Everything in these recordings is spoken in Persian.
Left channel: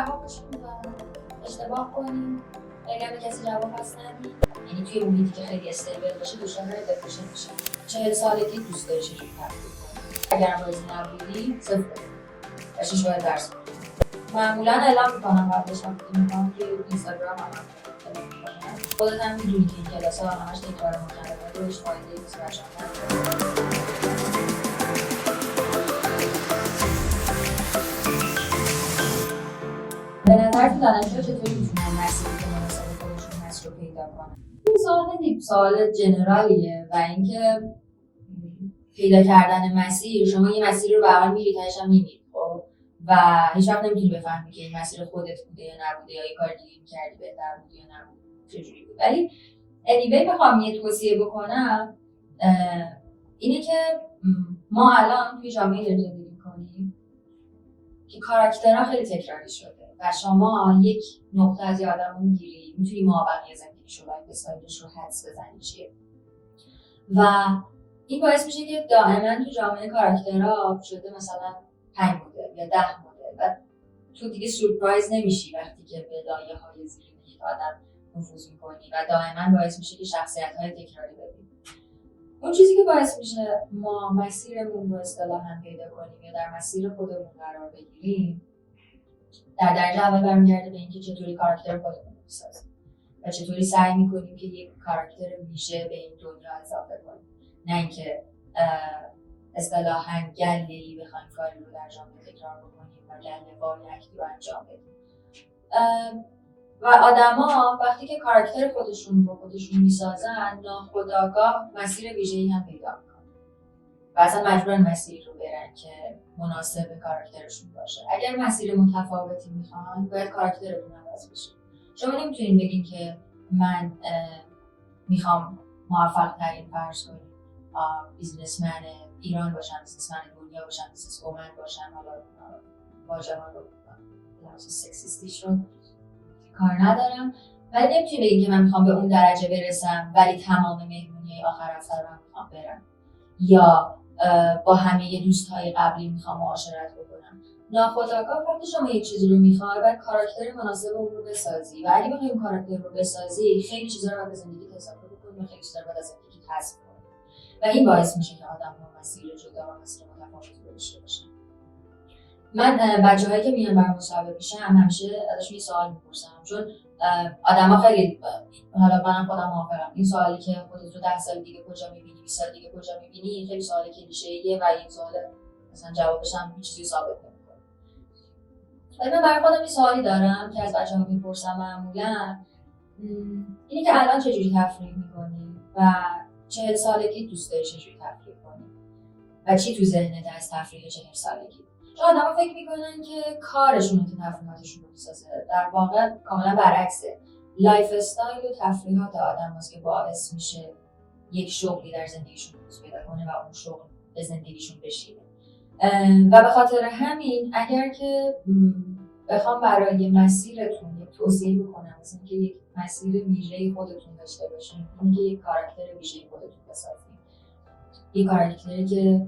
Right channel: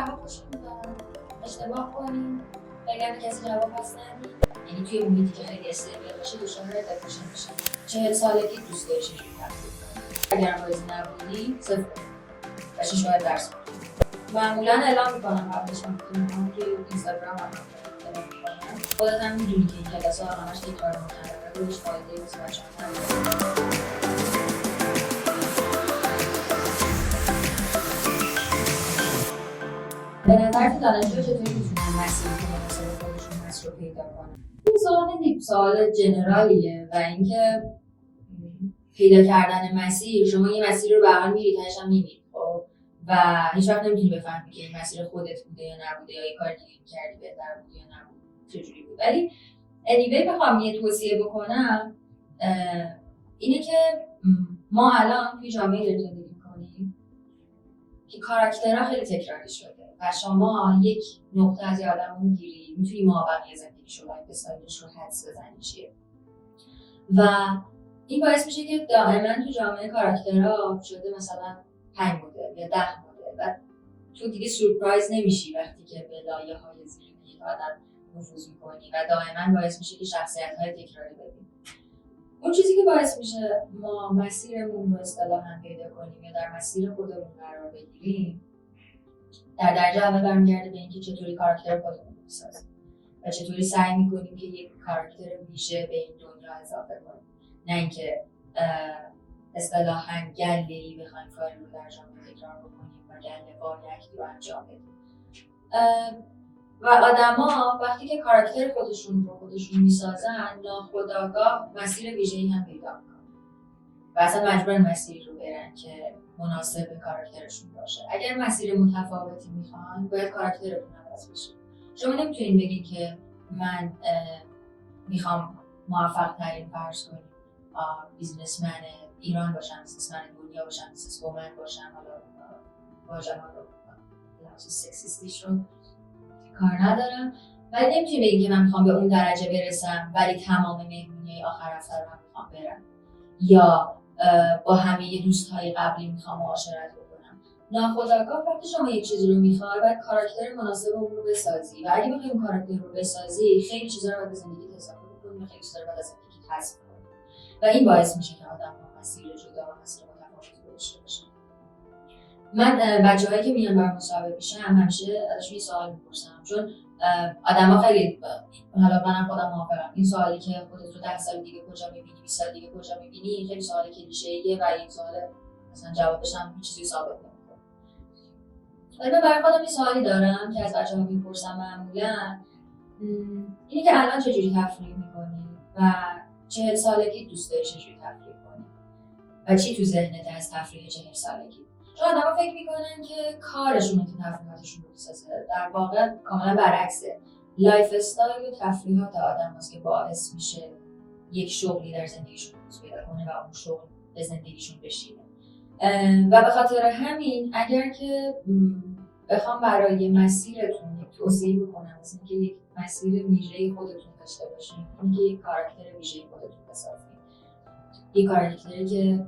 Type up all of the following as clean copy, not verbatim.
رها باشیم و اشتباه کنیم و اگر به کسی جواب پس ندیم، یعنی توی محیطی که خیلی استیبل باشه دچار دپرشن میشه. 40 سالگی دوست داری چجوری تفکر کنی؟ اگر هم راضی نبودی صفر و 6 باید درس بخونی. معمولا اعلام میکنم قبلش وقتی میکنم توی اینستاگرام هم اعلام میکنم. خودت هم میدونی که این کلاس ها همش تکرار مکرره روش فایده مثبت نداره. به نظر تو دانشجو چطوری میتونن مسیری که مناسب خودشون هست رو پیدا کنن؟ این سوال خیلی سوال جنرالیه و اینکه پیدا کردن مسیر، شما یه مسیر رو به حال میری تاش هم میمیری خب و هیچ وقت نمیتونی بفهمی که این مسیر خودت بوده یا نبوده یا یه کار دیگه می‌کردی بهتر بوده یا نبوده چجوری بود. ولی anyway بخوام یه توصیه بکنم اینه که ما الان توی جامعه داریم زندگی می‌کنیم که کاراکترها خیلی تکراری شده و شما یک نقطه از یه آدم رو میگیری میتونی مابقی زندگیش رو لایف استایلش رو حدس بزنی چیه و این باعث میشه که دائما تو جامعه کاراکترها شده مثلا 5 مدل یا 10 مدل و تو دیگه سورپرایز نمیشی وقتی که به لایه های زیر یک آدم نفوذ میکنی و دائما باعث میشه که شخصیت های تکراری ببینی. اون چیزی که باعث میشه ما مسیرمون رو اصطلاحاً پیدا کنیم یا در مسیر خودمون قرار بگیریم در درجه اول برمیگرده به اینکه چطوری کاراکتر خودمون رو بسازیم و چطوری سعی میکنیم که یک کاراکتر ویژه به این دنیا اضافه کنیم، نه اینکه اصطلاحاً گله‌ای بخوایم کاری رو در جامعه تکرار بکنیم و گله‌وار یک رو انجام بدیم. و آدما وقتی که کاراکتر خودشون میسازن ناخودآگاه مسیر ویژه‌ای هم پیدا میکنن و اصلا مجبورن مسیری رو برن که مناسب کاراکترشون باشه. اگر مسیر متفاوتی میخوان باید کاراکترتون عوض بشه. شما نمیتونین بگین که من میخوام موفق ترین فرض کنیم بیزنسمن ایران باشم، بیزنسمن دنیا باشم، بیزنس وومن باشم، حالا واژه ها رو لحاظ سکسیستیش رو کار ندارم، ولی نمیتونی بگی که من میخوام به اون درجه برسم ولی تمام مهمونی آخر هفته رو میخوام برم یا با همه دوستهای قبلی میخوام معاشرت بکنم. ناخودآگاه وقتی شما یک چیزی رو میخوای باید کاراکتر مناسب اون رو بسازی و اگه بخوای اون کاراکتر رو بسازی خیلی چیزا رو باید از زندگیت اضافه بکنی و خیلی چیزا رو باید از زندگیت حذف کنی و این باعث میشه که آدم‌ها مسیر جدا و مسیر متفاوتی داشته باشن. من بچه‌هایی که میان برام مصاحبه میشن همیشه ازشون یه سوال میپرسم، چون آدم‌ها خیلی حالا منم خودم موافقم این سوالی که خودت رو 10 سال دیگه کجا می‌بینی 20 سال دیگه کجا می‌بینی خیلی سوال کلیشه‌ایه و این سوال مثلا جوابش هم هیچ چیزی ثابت نمی‌کنه. ولی من برای خودم یه سوالی دارم که از بچه‌ها میپرسم معمولاً اینی که الان چجوری تفریح می‌کنی و 40 سالگی دوست داری چجوری تفریح کنی و چی تو ذهنت از تفریح 40 سالگی؟ چون آدم‌ها فکر میکنن که کارشونه که تفریحاتشون رو بسازه، در واقع کاملا برعکسه. لایف استایل و تفریحات آدم هست که باعث میشه یک شغلی در زندگیشون روز پیدا کنه و اون شغل به زندگیشون بشینه و به خاطر همین اگر که بخوام برای مسیرتون یک توصیه بکنم مثل اینکه یک مسیر ویژه‌ای خودتون داشته باشین، اینکه یک کاراکتر ویژه‌ای خودتون بسازین، یک کاراکتری که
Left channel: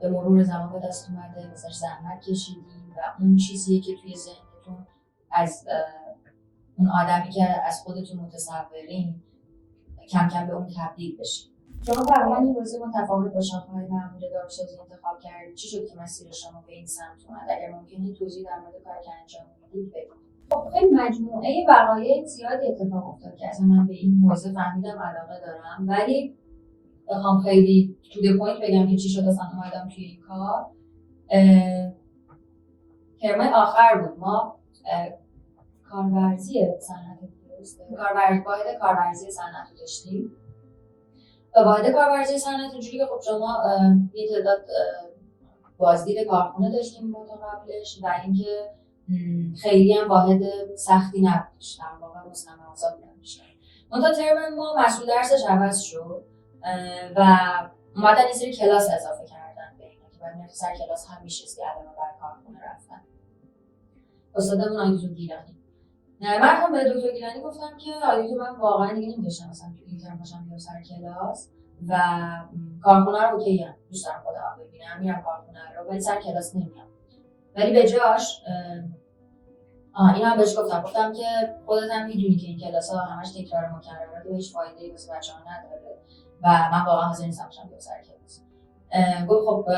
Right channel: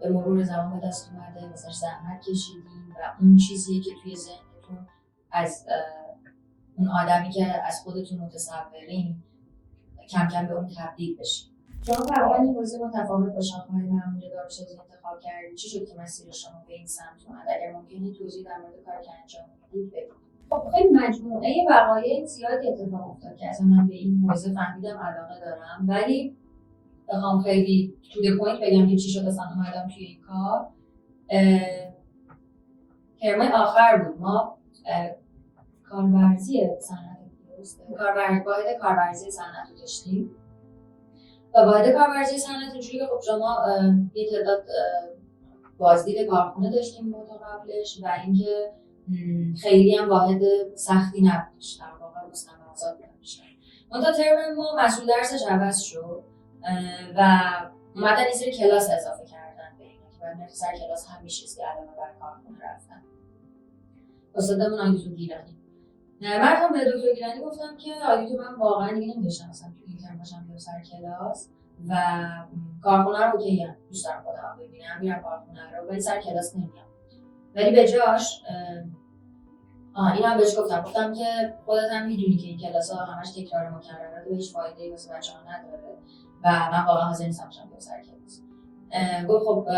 به مرور زمان به دست اومده، مثلا زحمت کشیدین و اون چیزیه که توی ذهنتون از اون آدمی که از خودتون متصورین کم کم به اون تبدیل بشین. شما تقریبا این موضوع متفاوت با شاخه‌های معمول داروسازی انتخاب کردید. چی شد که مسیر شما به این سمت اومد؟ اگر ممکنه توضیح در مورد کاری که انجام میدید بگید. خب خیلی مجموعه وقایع زیادی اتفاق افتاد که اصلا من به این موضوع فهمیدم علاقه دارم، ولی بخوام خیلی تو د پوینت بگم که چی شد اصلا اومدم توی این کار. ترمای آخر بود ما کارورزی صنعت واحد کارورزی صنعت رو داشتیم و واحد کارورزی صنعت اونجوری که خب شما یه تعداد بازدید کارخونه داشتیم تا قبلش و اینکه خیلی هم واحد سختی نبودش، در واقع مستمرات نمیشه. منتها ترم ما مسئول درسش عوض شد و اومدن یه سری کلاس اضافه کردن به اینا که باید سر کلاس هم میشستی علاوه بر کارخونه رفتن. استادمون آقای گیلانی من هم به دکتر گیلانی گفتم که آقای من واقعا دیگه نمی‌داشتم مثلا تو این ترم باشم بیام سر کلاس و کارخونه رو اوکی ام دوست دارم خودم ببینم میرم کارخونه رو ولی سر کلاس نمیام، ولی به جاش اینم بهش گفتم که خودت هم میدونی که این کلاس‌ها همش تکرار مکرره و هیچ فایده‌ای واسه بچه‌ها نداره و من واقعا حاضر نیستم بشم بیام سر کلاس. گفت خب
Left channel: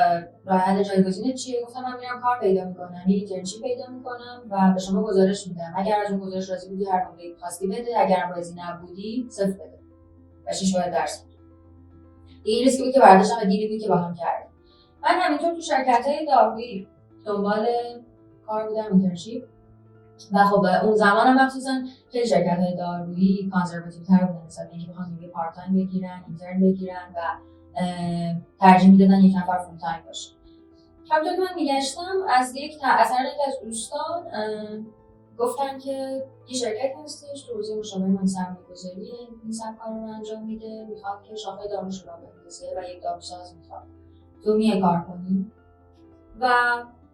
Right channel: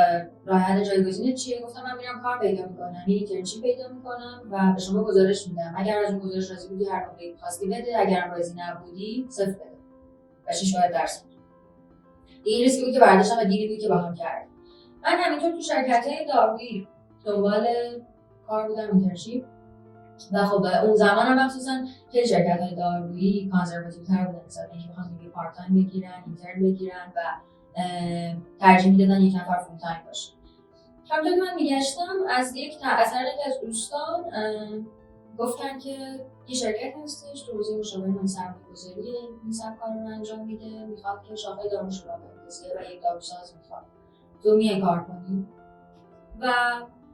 راه حل جایگزینت چیه؟ گفتم من میرم کار پیدا میکنم، یه اینترنشیپ پیدا میکنم و به شما گزارش میدم. اگر از اون گزارش راضی بودی هر موقعی خواستی بده، اگرم راضی نبودی صفر بده و 6 ماه درس بده. این ریسکی بود که برداشتم و دیلی بود که باهم کردم. من همینطور تو شرکت‌های دارویی دنبال کار بودم، اینترنشیپ. و خب اون زمان هم مخصوصا خیلی شرکت‌های دارویی کانزرواتیو‌تر بودن، مثلا اینکه بخوان یه پارت تایم بگیرن، اینترن بگیرن و ترجیح میدادن یک نفر فول تایم باشه. همونطور که من میگشتم از یک از دوستان گفتن که یه شرکت هستش تو حوزه مشاوره سرمایه‌گذاری این سبک کار رو انجام میده، میخواد که شاخه داروش رو بندازه و یک داروساز میخواد تو میای کار کنی. و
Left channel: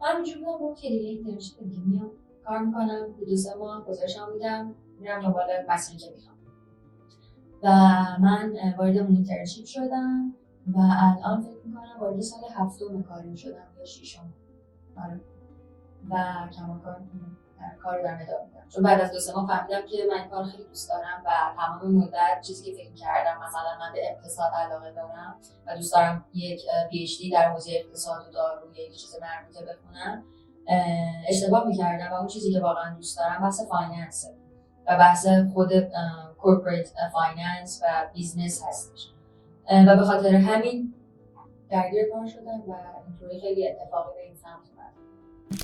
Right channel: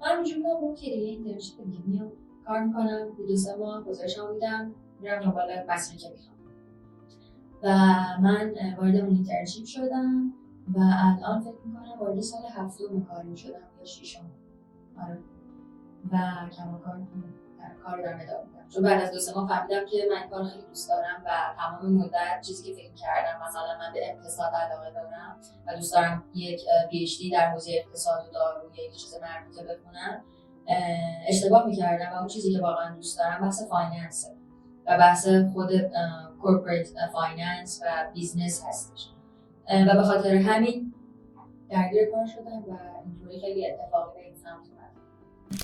من اینجوری بودم که دیگه اینترنشیپ دیگه میام کار میکنم، 2-3 ماه گزارشم میدم، میرم دنبال مسیری که میخوام. و من وارد اون اینترنشیپ شدم و الان فکر میکنم وارد سال 7م کاریم شدم یا 6م. آره. و کماکان کار رو دارم ادامه میدم، چون بعد از 2-3 ماه فهمیدم که من کار خیلی دوست دارم و تمام مدت چیزی که فکر کردم، مثلا من به اقتصاد علاقه دارم و دوست دارم یک PhD در حوزه اقتصاد و دارو یا یک چیز مربوطه بخونم، اشتباه میکردم و اون چیزی که واقعا دوست دارم بحث فایننسه و بحث خود کورپوریت فایننس و بیزنس هستش و به خاطر همین درگیر کار شدم و اینطوری خیلی اتفاقی به این سمت اومد.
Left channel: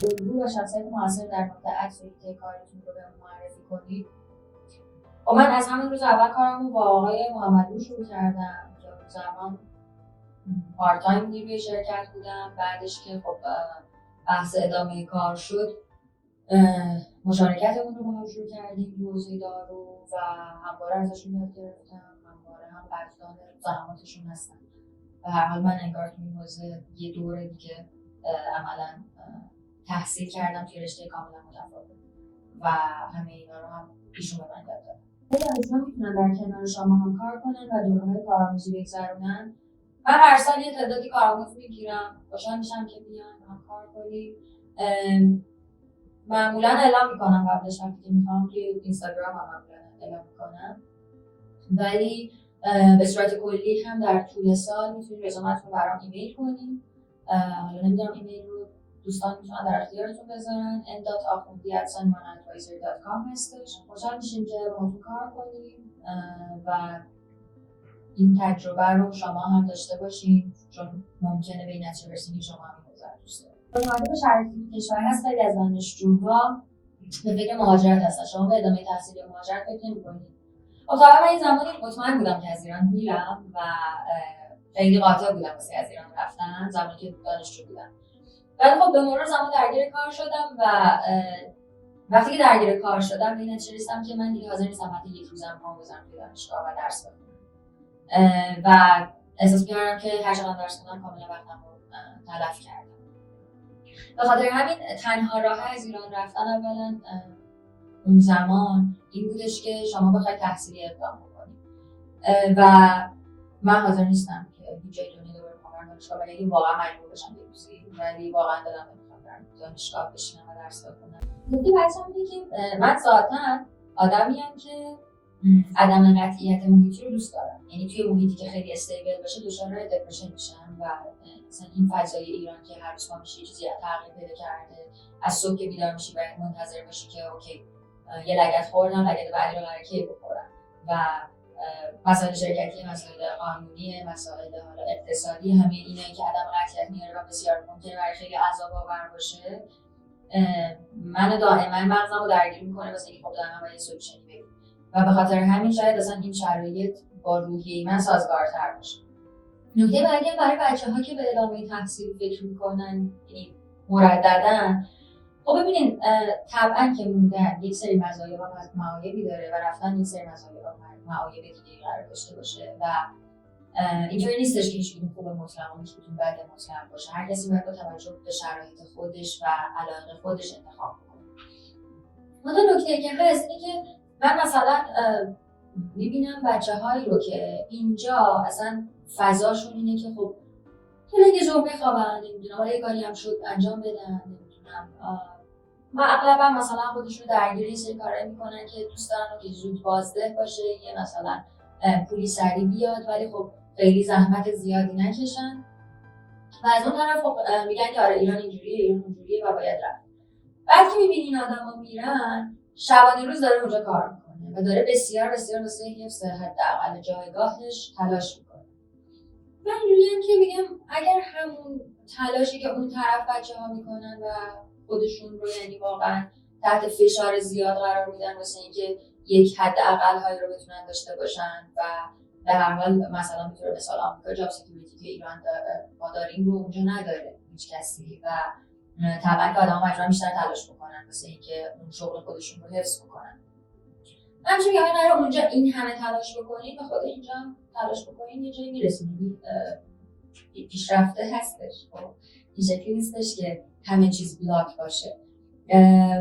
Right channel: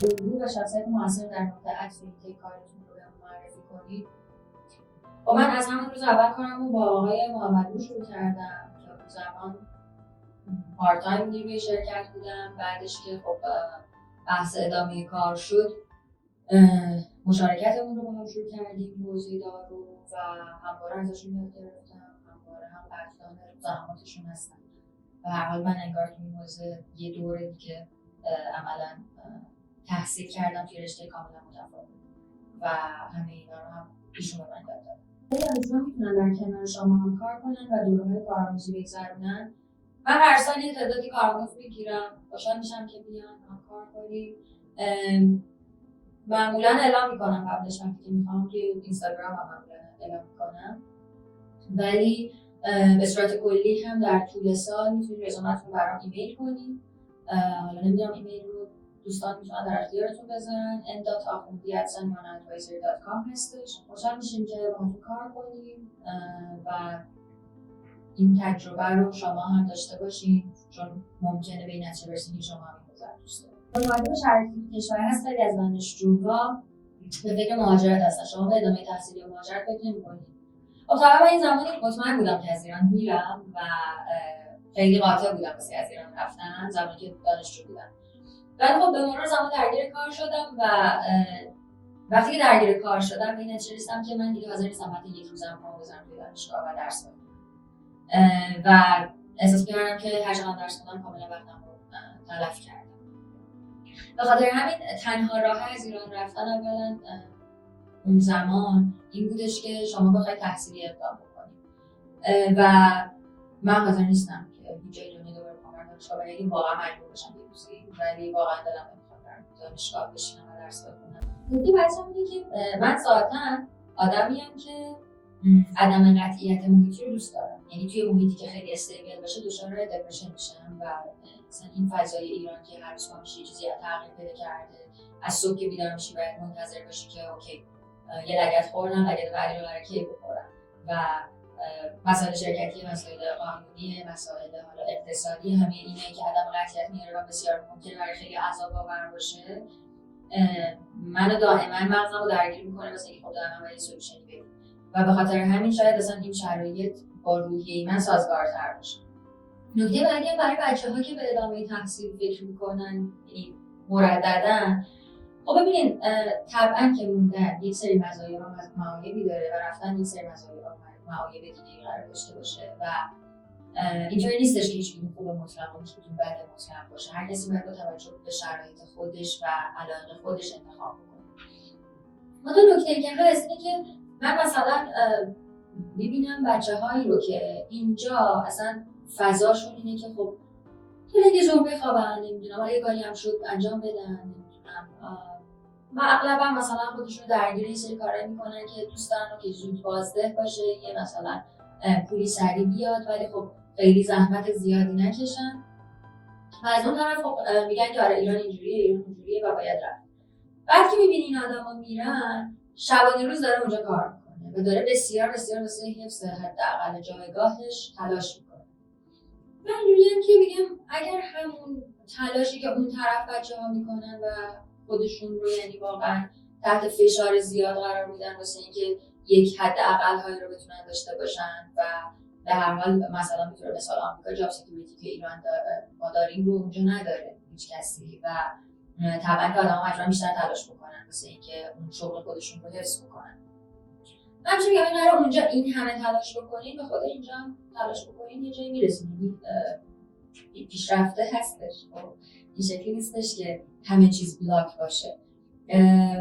الگو و شخصیت موثر در مورد اکتیویتی کارتون رو بهمون معرفی کنید. و من از همون روز اول کارم رو با آقای محمدی شروع کردم که اون زمان پارت تایم نیروی شرکت بودم. بعدش که خب بحث ادامه کار شد، مشارکتمون رو با هم شروع کردیم تو حوزه دارو و همواره ازشون یاد گرفتم، همواره هم قدردان زحماتشون هستم و هر حال من انگار تو این حوزه یه دوره دیگه عملاً تحصیل کردم توی رشته کاملا متفاوت و همه اینا رو هم ایشون به من یاد دادن. خیلی میتونن در کنار شما هم کار کنن و دوره‌های کارآموزی بگذرونن. من هر سال یه تعدادی کارآموز میگیرم، خوشحال میشم که بیان هم کار کنیم. معمولا اعلام میکنم قبلش وقتی که میخوام توی اینستاگرام هم معمولا اعلام میکنم، ولی به صورت کلی هم در طول سال میتونید رزومتون برام ایمیل کنید. حالا نمیدونم ایمیل رو دوستان میتونن در اختیارتون بذارن. n.akhoundi@sanmanadvisor.com هستش. خوشحال میشیم که باهاتون کار کنیم و این تجربه رو شما هم داشته باشین، چون ممکنه به این نتیجه برسید که شما هم دوست دارید. اومده به شرایط کشور هست، خیلی از دانشجوها به فکر مهاجرت هستن. شما به ادامه تحصیل یا مهاجرت فکر نمی‌کنید؟ خب طبعا این زمانی مطمئن بودم که از ایران میرم و خیلی قاطع بودم واسه از ایران رفتن زمانی که دانشجو بودم. ولی خب به مرور زمان درگیر کار شدم و وقتی که درگیر کار شدم به این نتیجه رسیدم که من دیگه حاضر نیستم حتی یک روزم پام بزنم توی دانشگاه و درس بخونم و احساس می‌کردم که هر چقدر درس خوندم کاملا وقتم رو تلف کردم. به خاطر همین تنها راه از ایران رفتن اولا اون زمان این بودش که شما بخواید تحصیلی اقدام بکنید و من حاضر نیستم که هیچ جای دنیا دوباره بخوام دانشگاه و یعنی واقعا مجبور بشم یه روزی، ولی واقعا دلم نمی‌خواد در دانشگاه بشینم و درس بخونم. نکته بعدی اینه که من ذاتاً آدمیم که عدم قطعیت محیطی رو دوست دارم. یعنی توی محیطی که خیلی استیبل باشه دچار دپرشن میشم و مثلا این فضای ایران که هر روز میشه چیزی تغییر پیدا کرده، از صبح که بیدار میشی باید منتظر باشی که اوکی یه لگد خوردم، لگد بعدی رو قراره کی بخورم و مسائل شرکتی، مسائل قانونی، مسائل حالا اقتصادی، همه اینایی که عدم قطعیت میاره و بسیار ممکنه برای خیلی عذاب آور باشه، منو دائما مغزمو درگیر میکنه واسه اینکه خب دائما باید سولوشنی بگیرم و به خاطر همین شاید اصلا این شرایط با روحیه من سازگارتر باشه. نکته بعدی برای بچه‌ها که به ادامه تحصیل فکر میکنن، یعنی مرددن، خب ببینین طبعا که موندن یک سری مزایا و معایبی داره و رفتن یک سری مزایا و معایب دیگه قرار داشته باشه و اینطوری نیستش که هیچ خوب مطلق و هیچ بد مطلق باشه. هر کسی باید با توجه به شرایط خودش و علاقه خودش انتخاب کنه. اما نکته که هست اینه که من مثلا میبینم بچه‌هایی رو که اینجا اصلا فضاشون اینه که خب حالا یه زور بخوابن، نمیدونم حالا یه کاری هم شد انجام بدن، نمیدونم و اغلبا مثلا خودشون درگیر یه سری کارایی میکنن که دوست دارن که زود بازده باشه، یه مثلا پولی سریع بیاد ولی خب خیلی زحمت زیادی نکشن. و از اون طرف خب میگن که آره ایران اینجوریه، ایران اونجوریه و باید رفت. بعد که میبینی این آدما میرن، شبانه روز داره اونجا کار میکنه و داره بسیار بسیار واسه حفظ حداقل جایگاهش تلاش میکنه. من اینجوریم که بگم اگر همون تلاشی که اون طرف بچه‌ها میکنن و خودشون رو یعنی واقعا تحت فشار زیاد قرار میدن واسه اینکه یک حداقل هایی رو بتونن داشته باشن و به هر حال مثلا میتونه مثال آمریکا جاب سکیوریتی که ایران ما داریم رو اونجا نداره هیچ کسی و طبعا که آدم‌ها مجبورن بیشتر تلاش بکنن واسه اینکه اون شغل خودشون رو حفظ بکنن. همچنین که اگه اونجا این همه تلاش بکنین و خود اینجا هم تلاش بکنین یه جایی میرسین. پیشرفته هستش. این شکلی نیستش که همه چیز بلاک باشه.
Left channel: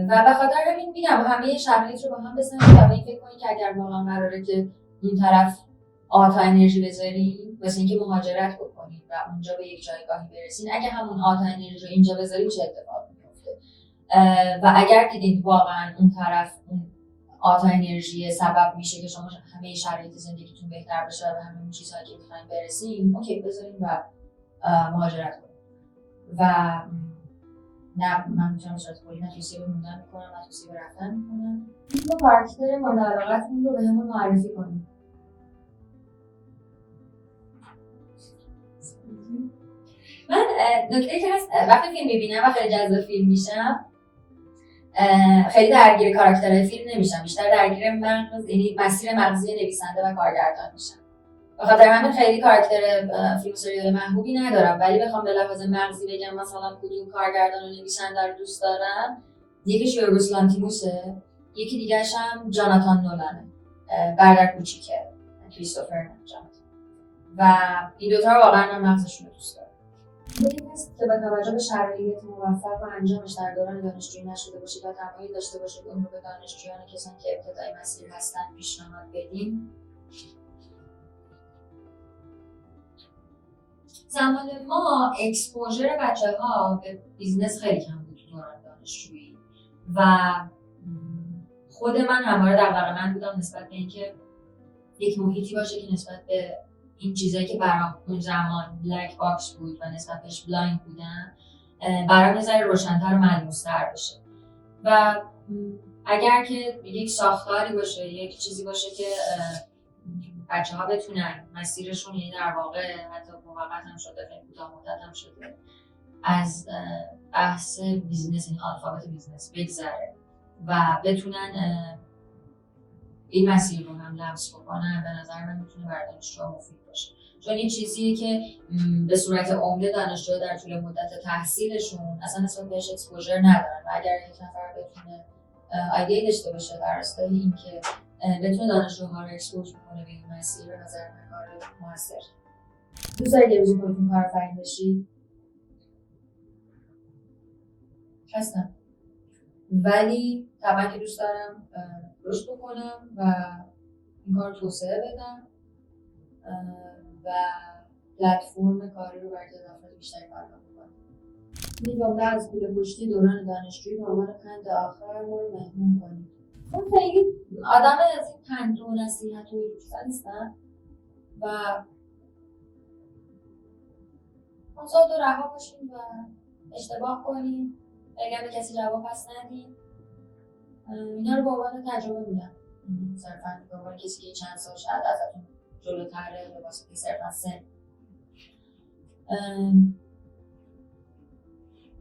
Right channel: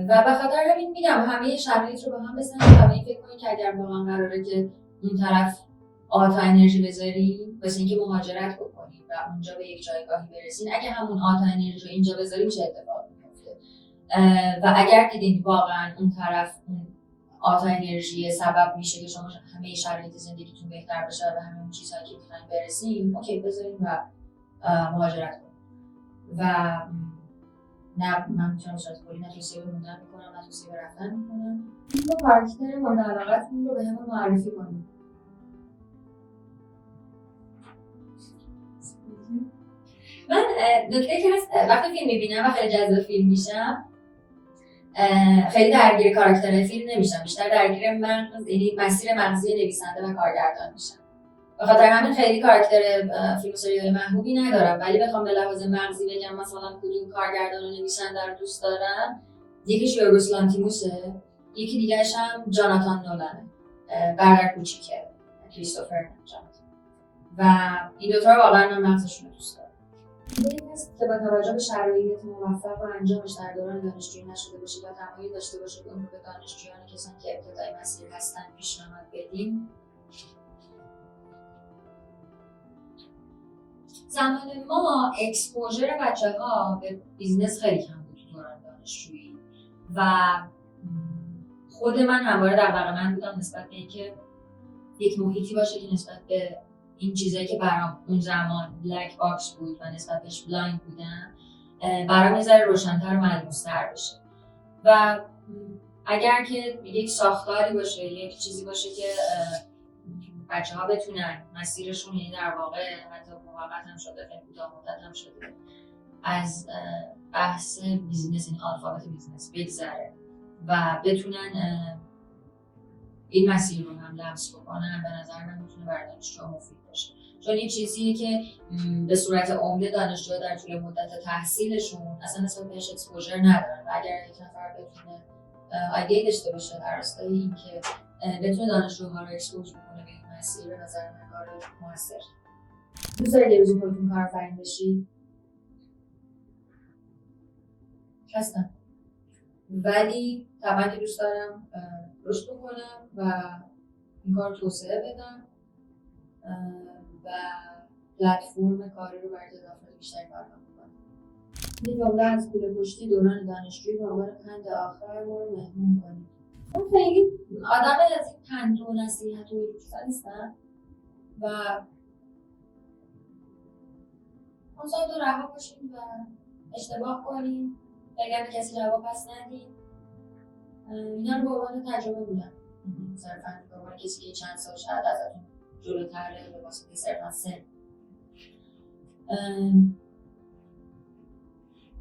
و به خاطر همین میگم همه شرایط رو با هم بزنید و به این فکر کنید که اگر واقعا قراره که این طرف آتا انرژی بذارین واسه اینکه مهاجرت بکنید و اونجا به یک جایگاهی برسین، اگه همون آتا انرژی رو اینجا بذارید چه اتفاقی میفته؟ و اگر دیدین واقعا اون طرف اون آتا انرژی سبب میشه که شما همه شرایط زندگیتون بهتر بشه و همه اون چیزهایی که میخواین برسین، اوکی بذارین و مهاجرت کنید. و نه من میتونم صورت کلی نه توصیه به موندن میکنم نه توصیه به رفتن میکنم. با کاراکتر مورد علاقتون رو به همون معرفی کنید. من نکته که هست وقتی فیلم میبینم و خیلی جذب فیلم میشم خیلی درگیر کاراکترهای فیلم نمیشم، بیشتر درگیر مغز یعنی مسیر مغزی نویسنده و کارگردان میشم. به خاطر همین خیلی کاراکتر فیلم و سریال محبوبی ندارم، ولی بخوام به لحاظ مغزی بگم مثلا کدوم کارگردان و نویسنده رو دوست دارم، یکیش یورگوس لانتیموسه، یکی دیگه‌ش هم جاناتان نولانه، برادر کوچیکه کریستوفر نولان. و این دوتا رو واقعا من مغزشون رو دوست دارم. این هست که با توجه به شرایط موفق و انجامش در دوران دانشجویی نشده باشه و تمایل داشته باشه که اون رو به دانشجویان کسانی که ابتدای مسیر هستن پیشنهاد بدیم. زمان ما اکسپوژر بچه‌ها به بیزنس خیلی کم بود تو دوران دانشجویی و خود من همواره دغدغه من بودم نسبت به اینکه یک محیطی باشه که نسبت به این چیزایی که برام اون زمان بلک باکس بود و نسبت بهش بلایند بودن برام یه ذره روشن‌تر و ملموس‌تر بشه. و اگر که یک ساختاری باشه، یک چیزی باشه که بچه‌ها بتونن مسیرشون یعنی در واقع حتی موقت هم شده خیلی کوتاه مدت هم شده از بحث بیزنس این الفابت بیزنس بگذره و بتونن این مسیر رو هم لمس بکنن، به نظر من میتونه برای دانشجوها مفید باشه. چون این چیزیه که به صورت عمده دانشجوها در طول مدت تحصیلشون اصلا نسبت بهش اکسپوژر ندارن و اگر یک نفر بتونه ایده داشته باشه در راستای اینکه بتونه دانشجوها رو اکسپوژ کنه به این مسیر، به نظر من کار موثر. دوست دارید یه روزی خودتون کارآفرین بشید؟ هستم. ولی طبعا که دوست دارم رشد بکنم و این کار توسعه بدم و پلتفرم کاری رو برای افراد بیشتری فراهم کنم. این جمله از کوله پشتی دوران دانشجویی به عنوان پند آخر ما رو مهمون کنید. من خیلی آدم از این پند و نصیحت و چیزا نیستم و منظور تو رها باشید و اشتباه کنید، اگر به کسی جواب پس ندید. اینا رو به عنوان تجربه میدم، صرفا به عنوان کسی که چند سال شاید ازتون جلوتره یا واسه که صرفا سن.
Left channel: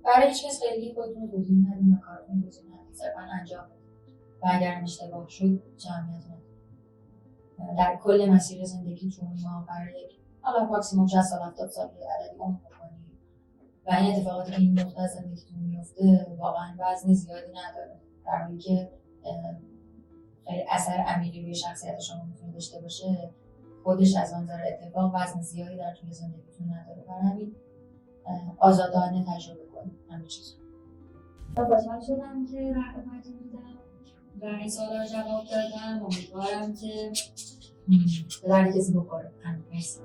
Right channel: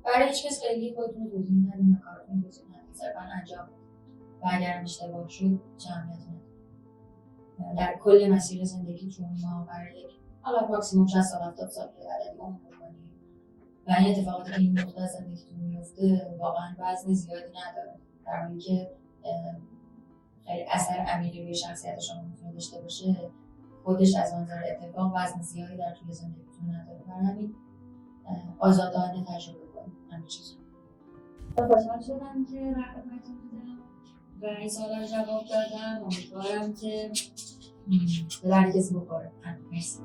برای هیچ کس خیلی خودتون توضیح ندید و کارتون توضیح ندید، صرفا انجام بدید و اگر اشتباه شد جمعیت ندید. در کل مسیر زندگیتون ما برای یک حالا ماکسیموم 60 سال 70 سال که عددی عمر بکنید و این اتفاقاتی که این نقطه زندگیتون میفته واقعا وزن زیادی نداره، در حالی که خیلی اثر عمیقی روی شخصیت شما میتونه داشته باشه، خودش از منظر اتفاق وزن زیادی در طول زندگیتون نداره. برای همین آزادانه تجربه کنید همه چیز رو. خوشحال شدم که راهنماییتون بودم و این سوالا رو جواب دادم. امیدوارم که به درد کسی بخوره. مرسی.